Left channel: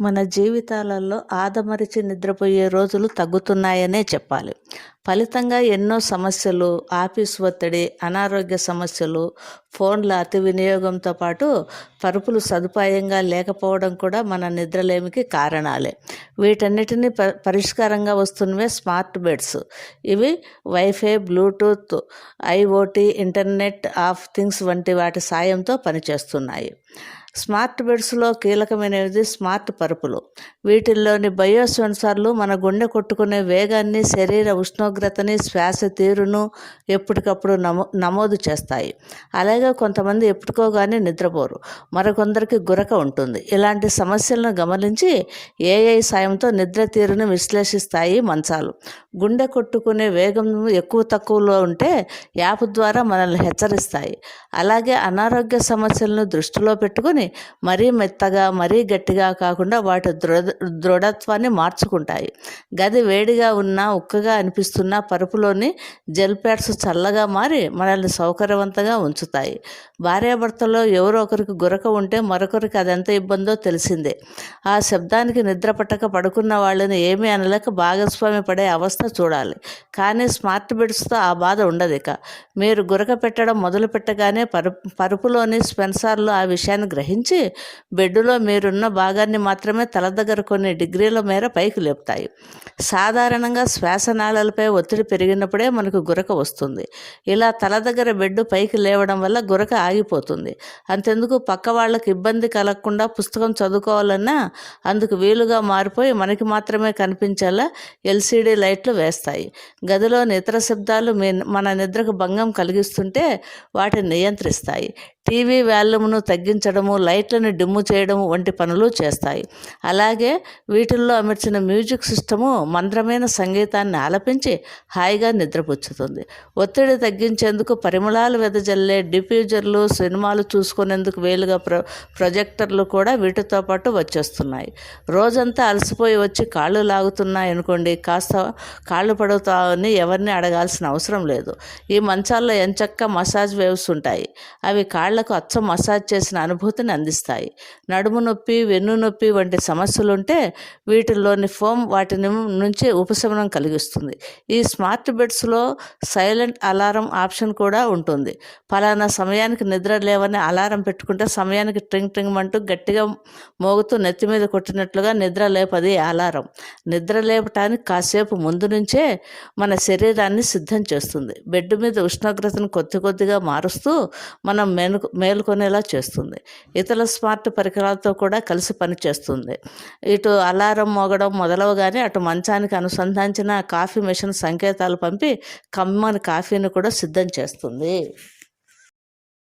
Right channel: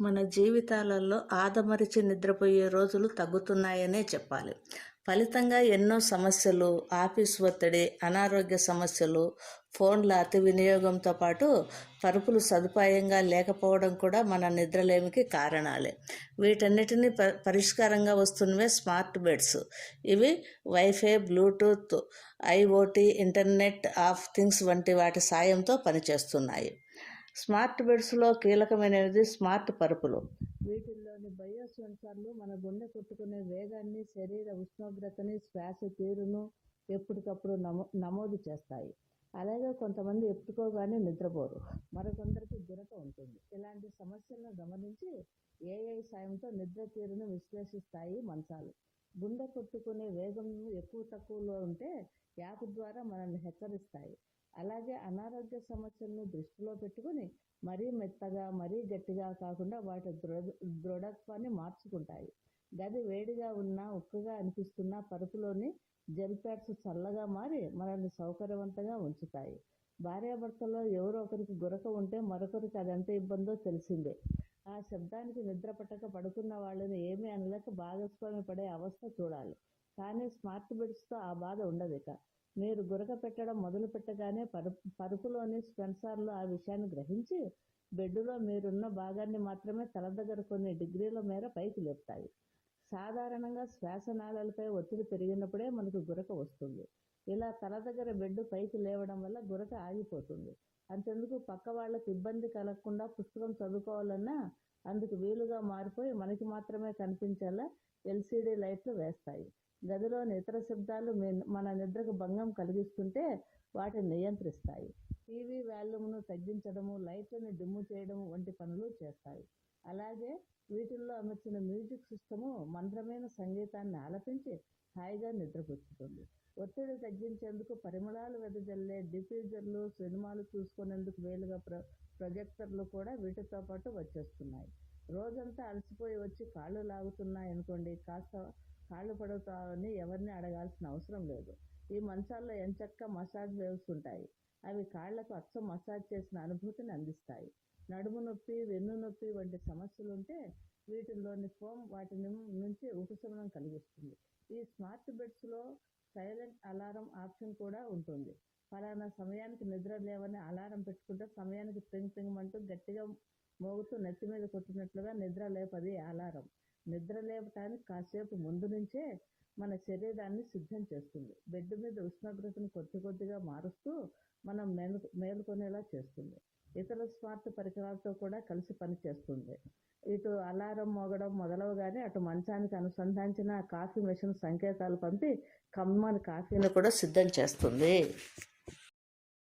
మన జీవితాలలో ఆదమరిచి నిద్రపోయే రోజులు తగ్గుతున్నాయనే చెప్పాలి. ఫలితంగా ఎన్నో సమస్యలు ఆఫీస్ ఒత్తిడి అనారోగ్య సమస్యలు ఫోన్ల అతి వినియోగంతో పాటు పరుపులు సదుపాయంగా లేకపోవడం కూడా మన నిద్రలేమికి కారణాలే. వీటన్నిటిని ప పరిష్కారంగా వస్తున్నవే స్మార్ట్ బెడ్స్. ఇవి wifi bluetooth IoT internet of things వంటి వాటి సాయంతో పనిచేస్తున్నాయి. స్మార్ట్ బెడ్స్లో కీలకమైనది స్మార్ట్ పరుపులు. వీటిల్లోని బయో సెన్సార్లు మన గుండె కొట్టుకునే వేగాన్ని శరీర ఉష్ణోగ్రతని శ్వాస తీరును ఎప్పటికప్పుడు నమో నమోదు చేస్తాయి. అలాగే కొంతమంది ఎప్పుడుకోగానే నిద్రపోరు. మరికొందరికి గురక ఉంటుంది. ఇలాంటి సమస్యలను గమనించి ఏఐ సాయంతో నిద్ర తీరును విశ్లేషిస్తాయి మంచాలు. గుండె కొట్టుకునే వేగం ఎక్కువ తక్కువలో ఉంటే యాప్ ద్వారా మనల్ని హెచ్చరిస్తాయి. అలాగే అనారోగ్య సమస్యలను దృష్టిలో పెట్టుకుని మరీ మెత్తగా మరీ గట్టిగా కాకుండా వాటి దృఢ దృఢత్వాన్ని మార్చుకుంటాయి. గది వేడిగా ఉన్నా ఉక్కగా అనిపిస్తున్న పరుపులోని జెల్ ప్యాడ్స్ చల్లగా మారి మనల్ని సౌకర్యవంతంగా ఉంచుతాయి. భార్యాభర్తలో ఎవరో ఒకరికి గురక ఉంటే మరొకరికి అది ఎంత ఇబ్బందో తెలిసిందే. ఆ శబ్దానికి నిద్ర పట్టక పడుకున్న వాళ్ళని ఏమీ అనలేక భాగస్వామి పడే అవస్థ చూడాలి. కానీ స్మార్ట్ బెడ్స్తో ఆ బాధ ఉండదు ఇక. మీరు గురక పెట్టడం మొదలు పెట్టగానే పరు పరుపులోని స్పెన్సార్లు ఆ విషయాన్ని గ్రహించి బెడ్డులో మీరున్న భాగాన్ని మాత్రమే తల దగ్గర కొన్ని డిగ్రీల మేర పైకి లేపుతాయి. సాధారణంగా శ్వాసనాళాలపై ఒత్తిడి పెరిగినప్పుడే మనకు గురక వస్తుంది. ఇలా తల దగ్గర బెడ్ పైకి లేవడం వల్ల గురక ఆగిపోతుంది. అంతెందుకు పక్క వాళ్ళకి ఇబ్బంది కలగకుండా పుస్తకం చదువుకోవాలన్నా అందుకు వీలుగా మారిపోయి మనకి మాత్రమే కనిపించేలా ఎల్సీడీ లైట్లు వేస్తాయి. గదిలోని ఇతర శబ్దాలు మీ మన నిద్రకు భంగం కలిగిస్తుంటే వాటిని నియంత్రిస్తాయి. టీవీ వాల్యూమ్ను తగ్గించడము లైట్లను డిమ్ము చేయడం వంటి పనులు చేస్తాయి. అలాగే వీటిల్లో అమర్చిన మ్యూజిక్ సిస్టము మంద్రమైన సంగీతాన్ని ఆలపించి హాయిగా నిద్రపుచ్చుతుంది. ఒత్తిడి తగ్గించేందుకు పరిమళాలు వెదజల్లే డిఫ్యూజర్లు సినిమాలు చూసుకునేందుకు వేలుగా ప్రొ ప్రొజెక్టర్లు కూడా వీటితో పాటు వచ్చేస్తున్నాయి. రోజంతా అలసిపోయి వచ్చి కాళ్ళు లాగుతున్నాయి అనుకోండి కాస్త కాళ్ళు పడుతామని ఎవరిని అడగాల్సిన అవసరం లేదు. ఈ మంచాల్లో ఎంచక్క మసాజ్ వేవ్స్ ఉంటాయి. అవి కాళ్ళకు అచ్చం మసాజ్ చేసిన అనుభూతిని అందిస్తాయి. నడుము నొప్పి వెన్ను నొప్పి వంటి సమస్యలు ఉంటే వీటిల్లోని ఫోమ్ వాటిని నుంచి ఉపశమనం కలిగిస్తుంది. ఈ స్మార్ట్ బెడ్స్లో సైలెంట్ అలారం ఆప్షన్ కూడా ఉంటుంది. ఫలానా సమయానికి నిద్ర లేవని అలారం పెట్టుకుంటే సమయానికి ట్రింగ్ ట్రింగ్ అంటూ గట్టిగా మోగుతూ నెత్తి మీద కొట్టినట్లుగా నిద్ర లేపది అలారం. నిద్ర లేపటానికి కాసేపు ముందు నుంచే మన శరీరాన్ని సిద్ధం చేస్తుంది. బెడ్ మీద ఉష్ణోగ్రతను కొద్ది కొద్దిగా మారుస్తూ మనం మేలు మేలుకొనేలా చేస్తుంది. ఇతర స్మార్ట్ పరికరాలతో కూడా కలిసి పనిచేస్తుంది ఇటు అలారం మోగడం మొదలవగానే అటు మంచానికి అనుసంధానించిన కాఫీ మెషిన్ సంకేతాలు పంపి కమ్మని కాఫీని కూడా సిద్ధం చేస్తుంది.